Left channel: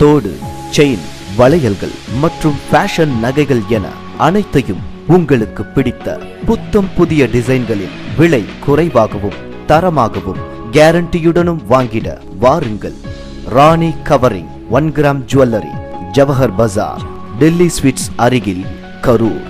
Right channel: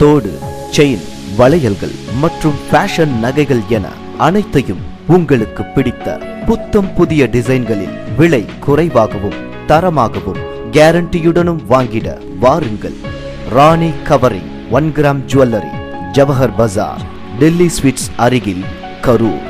தோடு, செயின், வளையல்கள் மற்றும் ஃபேஷன் நகைகள் என அனைத்தையும் உங்களுக்கு பிடித்த புத்தம் புதிய டிசைன்களில் விலை குறைவாகவும் தரமாகவும் கேரண்டியுடனும் வாங்கிட வாருங்கள். ராணி கவரிங் 1 கிராம் ஜுவல்லரி, ஜவஹர் பஜார், டெல்லி ஸ்வீட்ஸ் அருகில், கரூர்.